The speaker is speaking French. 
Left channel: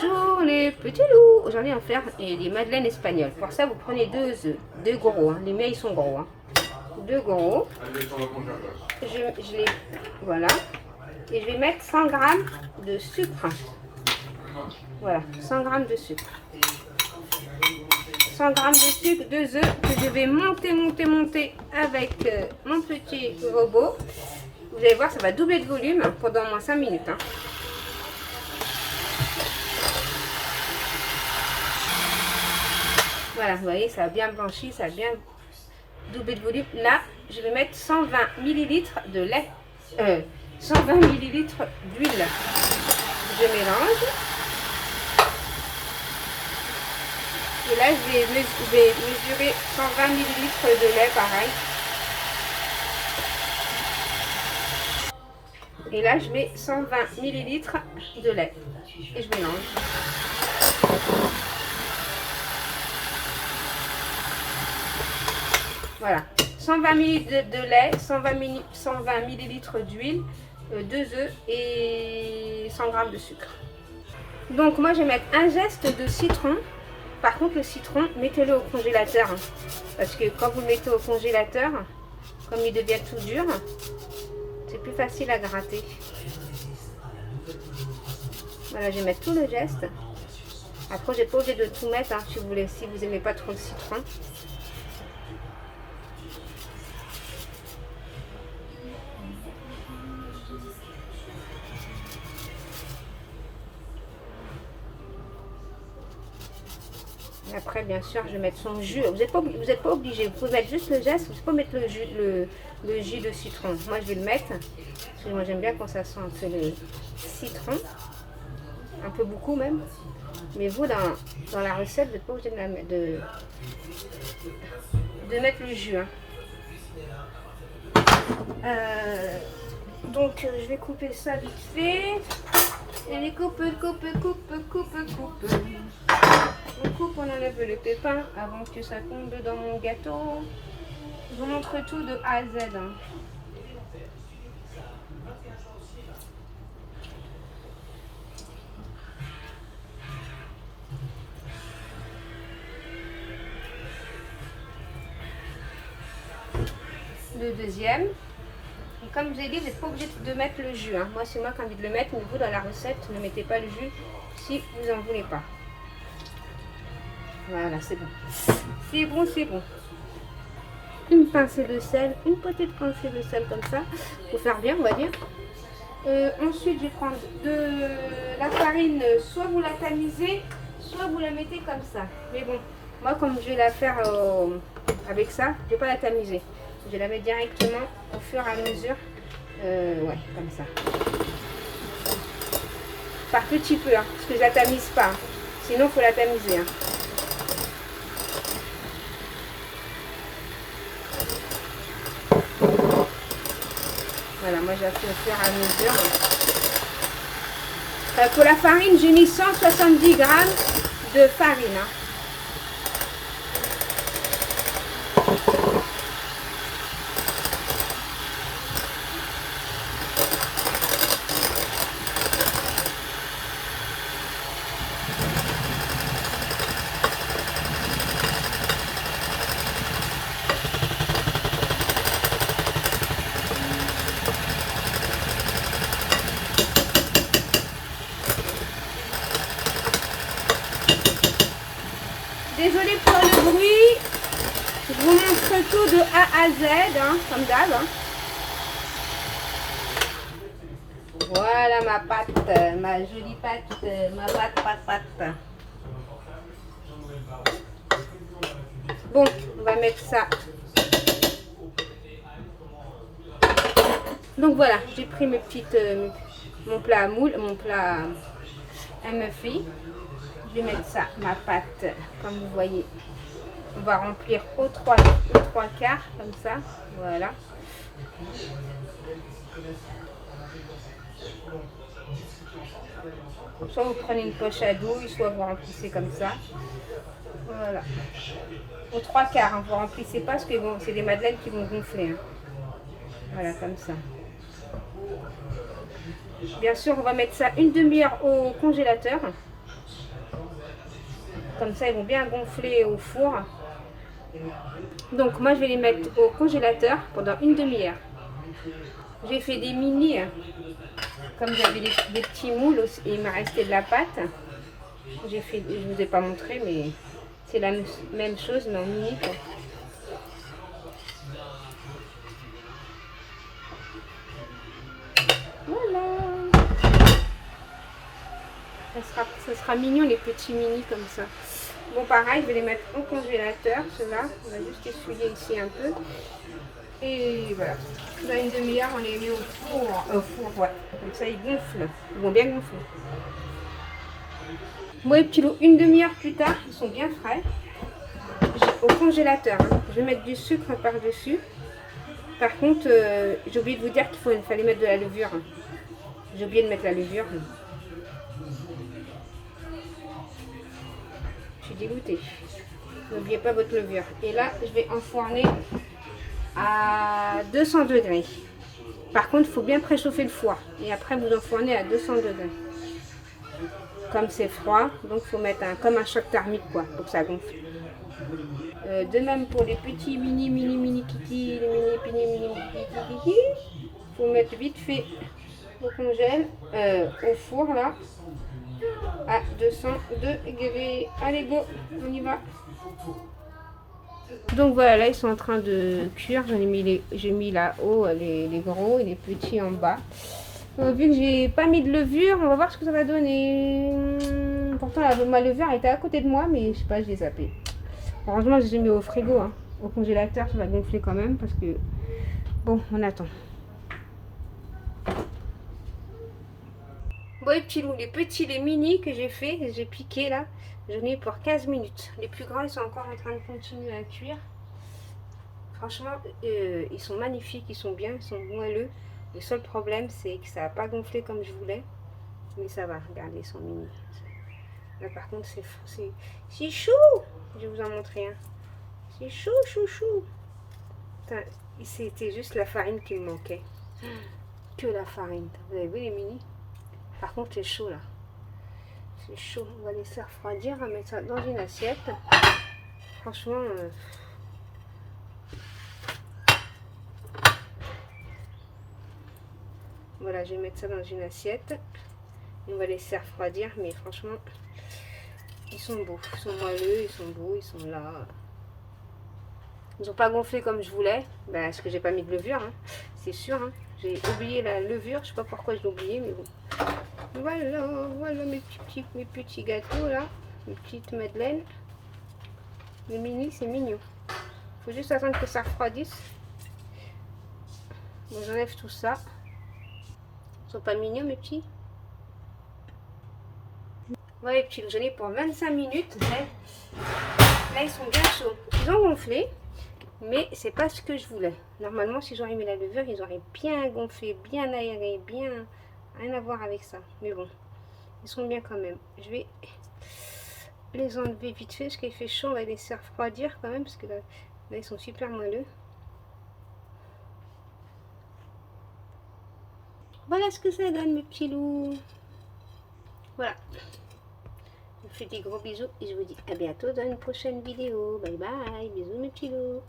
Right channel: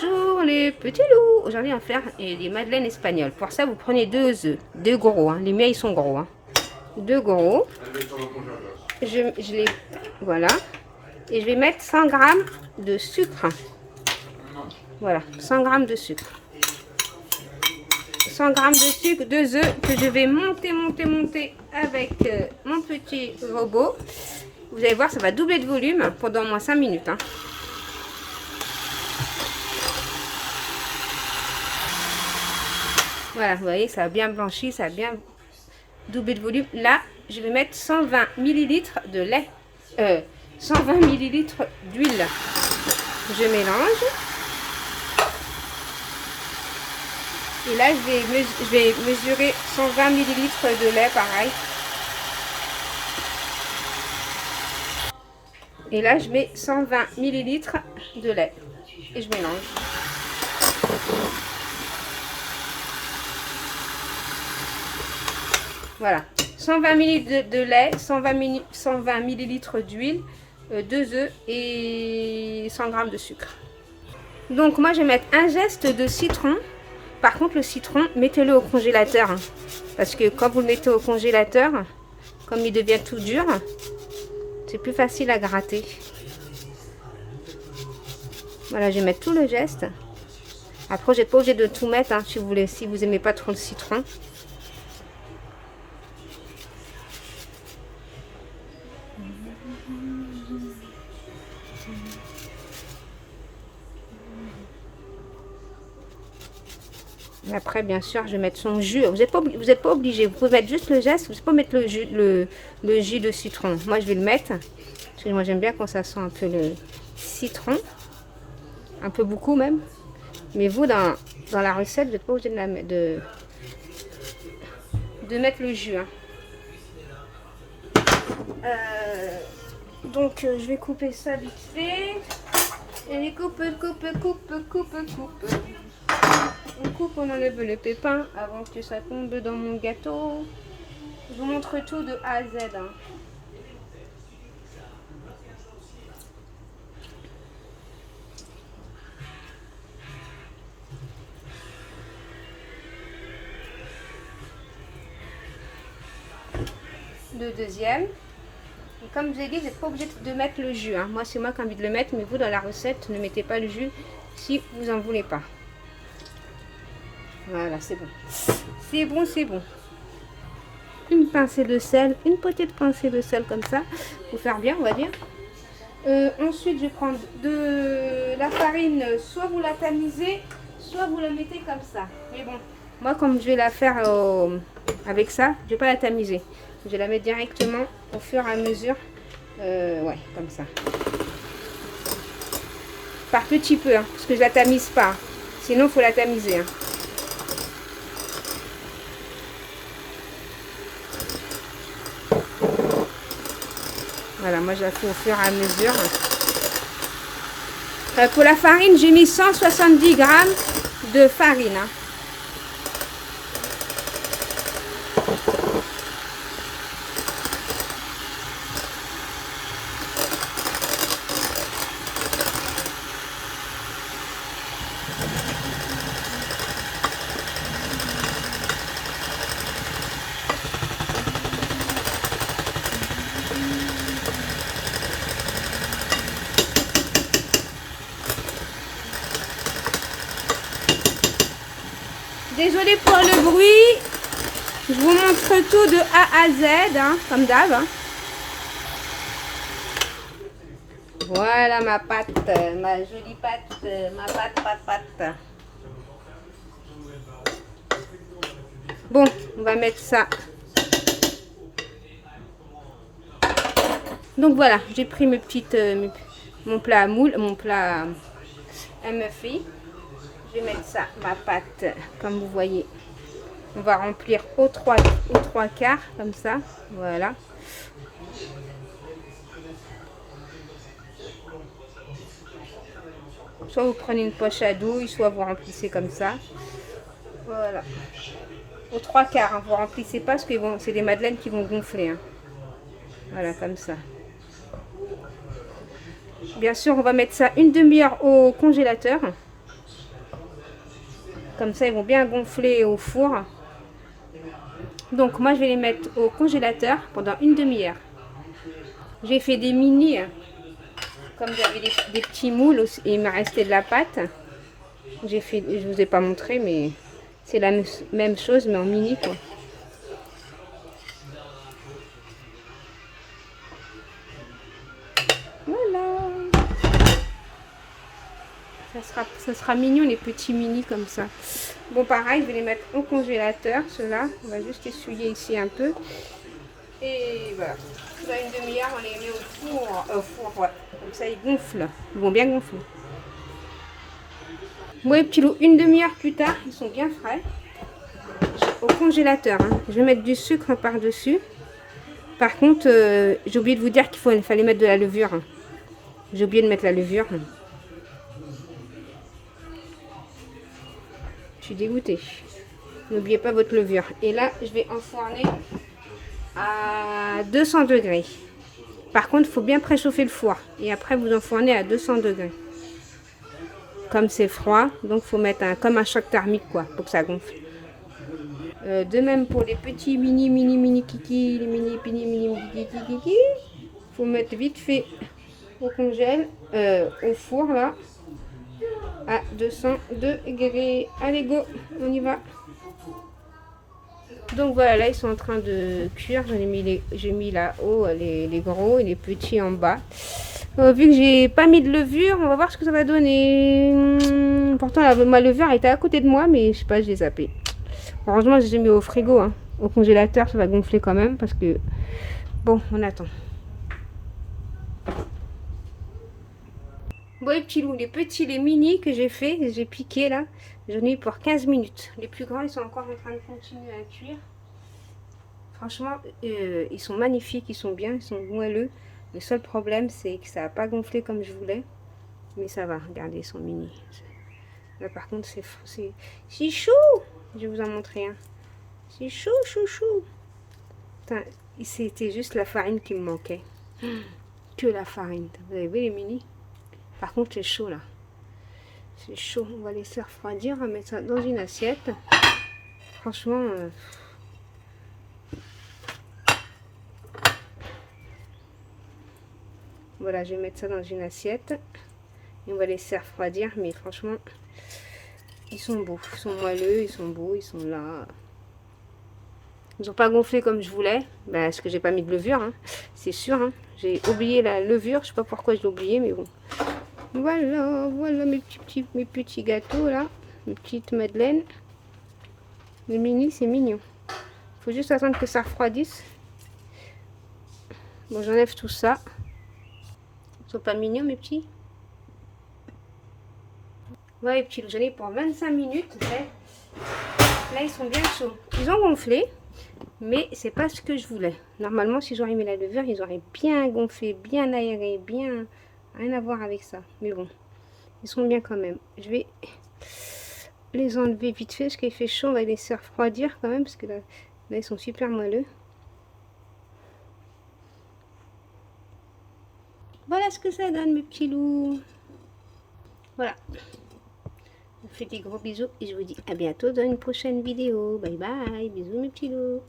Bonjour les petits loups. Aujourd'hui on va faire des madeleines espagnoles. Pour ça vous prenez 2 œufs, 2 gros, les miens ils sont gros. 2 gros. Je les voilà. Et je vais mettre 100 grammes de sucre. Voilà, 100 grammes de sucre. 100 grammes de sucre, 2 œufs que je vais monter avec mon petit robot. Vous allez voir, ça va doubler de volume pendant au moins 5 minutes. Voilà, vous voyez, ça a bien blanchi, ça a bien doublé de volume. Là, je vais mettre 120 ml de lait, 120 ml d'huile. Je mélange. Et là, je vais mesurer 120 ml de lait, pareil. Et là, je mets 120 ml de lait. Et je mélange. Voilà, 120 ml de lait, 120 ml d'huile, 2 œufs et 100 g de sucre. Donc moi je vais mettre un geste de citron. Par contre le citron, mettez-le au congélateur. Parce que quand vous le mettez au congélateur, comme il devient tout dur, c'est plus facile à gratter. Voilà, je vais mettre tout le geste. Après, vous n'êtes pas obligé de tout mettre si vous n'aimez pas trop le citron. Après, bien sûr, je vais mettre son jus. Vous n'êtes pas obligé. Vous pouvez mettre juste le geste. Vous ne pouvez pas mettre le jus de citron. Moi, je vais le mettre. Parce que moi, j'aime bien quand ça sent un peu le citron. Un peu beaucoup même. Mais vous, dans la recette, vous n'êtes pas obligé de mettre le jus. Donc, je vais couper ça vite fait. Et coupe. On coupe, on enlève le pépin avant que ça tombe dans mon gâteau. Je vous montre tout de A à Z. Le deuxième. Et comme je vous ai dit, vous n'êtes pas obligé de mettre le jus. Moi, c'est moi qui ai envie de le mettre, mais vous, dans la recette, ne mettez pas le jus si vous n'en voulez pas. Voilà, c'est bon. C'est bon. Une pincée de sel, une petite pincée de sel comme ça, pour faire bien, on va dire. Ensuite, je vais prendre de la farine, soit vous la tamisez, soit vous la mettez comme ça. Mais bon, moi, comme je vais la faire avec ça, je ne vais pas la tamiser. Je vais la mettre directement au fur et à mesure. Ouais, comme ça. Par petit peu, parce que je la tamise pas. Sinon, il faut la tamiser. Voilà, moi je la fais au fur et à mesure. Enfin, pour la farine, j'ai mis 170 g de farine. Désolée pour le bruit, je vous montre tout de A à Z, comme d'hab. Voilà ma pâte, ma jolie pâte, ma pâte. Bon, on va mettre ça. Donc voilà, j'ai pris mes petites, mon plat à moule, mon plat à muffin. Je vais mettre ça, ma pâte, comme vous voyez. On va remplir aux trois quarts, comme ça. Voilà. Soit vous prenez une poche à douille, soit vous remplissez comme ça. Voilà. Aux 3 quarts, vous remplissez pas parce que bon, c'est des madeleines qui vont gonfler. Voilà, comme ça. Bien sûr, on va mettre ça une demi-heure au congélateur. Comme ça, ils vont bien gonfler au four. Donc, moi, je vais les mettre au congélateur pendant une demi-heure. J'ai fait des mini, comme j'avais des petits moules aussi, et il m'a resté de la pâte. J'ai fait, je vous ai pas montré, mais c'est la même chose, mais en mini, quoi. Voilà. Ça sera mignon, les petits mini comme ça. Bon, pareil, je vais les mettre au congélateur, ceux-là. On va juste essuyer ici un peu. Et voilà. Dans une demi-heure, on les met au four. Au four, ouais. Comme ça, ils gonflent. Ils vont bien gonfler. Bon, les petits loups, une demi-heure plus tard, ils sont bien frais. Au congélateur, hein. Je vais mettre du sucre par-dessus. Par contre, j'ai oublié de vous dire qu'il fallait mettre de la levure. J'ai oublié de mettre la levure. Je suis dégoûtée. N'oubliez pas votre levure. Et là, je vais enfourner à 200 degrés. Par contre, il faut bien préchauffer le four. Et après, vous enfournez à 200 degrés. Comme c'est froid, donc il faut mettre comme un choc thermique, quoi, pour que ça gonfle. De même pour les petits mini kiki, mini kiki. Il faut mettre vite fait au congèle, au four, là, à 200 degrés. Allez, go, on y va. Donc voilà, là ils sont en train de cuire. J'ai mis là-haut les gros et les petits en bas. Vu que j'ai pas mis de levure, on va voir ce que ça va donner. Pourtant ma levure était à côté de moi, mais je sais pas, je l'ai zappé. Heureusement, j'ai mis au frigo, hein. Au congélateur, ça va gonfler quand même parce que bon, on attend. Bon, les petits loups, les mini que j'ai fait, j'ai piqué là, j'en ai eu pour 15 minutes. Les plus grands, ils sont encore en train de continuer à cuire. Franchement, ils sont magnifiques, ils sont bien, ils sont moelleux. Le seul problème, c'est que ça n'a pas gonflé comme je voulais. Mais ça va, regardez, ils sont mini. Là, par contre, c'est chou. Je vais vous en montrer un. C'est chou, chou, chou. C'était juste la farine qui me manquait. Que la farine. Vous avez vu les mini? Par contre, c'est chaud là. C'est chaud. On va laisser refroidir. On va mettre ça dans une assiette. Franchement... Voilà, je vais mettre ça dans une assiette. Et on va laisser refroidir. Mais franchement, ils sont beaux. Ils sont moelleux, ils sont beaux, ils sont là. Ils n'ont pas gonflé comme je voulais. Bah, parce que j'ai pas mis de levure, hein. C'est sûr. Hein. J'ai oublié la levure. Je sais pas pourquoi je l'ai oublié, mais bon. Voilà mes petits gâteaux là. Mes petites madeleines. Les mini, c'est mignon. Faut juste attendre que ça refroidisse. Bon, j'enlève tout ça. Ils sont pas mignons mes petits. Ouais, les petits, j'en ai pour 25 minutes. Là, ils sont bien chauds. Ils ont gonflé, mais c'est pas ce que je voulais. Normalement, si j'aurais mis la levure, ils auraient bien gonflé, bien aéré, bien... Rien à voir avec ça. Mais bon, ils sont bien quand même. Je vais les enlever vite fait, parce qu'il fait chaud. On va les laisser refroidir quand même, parce que là ils sont super moelleux. Voilà ce que ça donne, mes petits loups. Voilà. Je vous fais des gros bisous et je vous dis à bientôt dans une prochaine vidéo. Bye bye. Bisous, mes petits loups.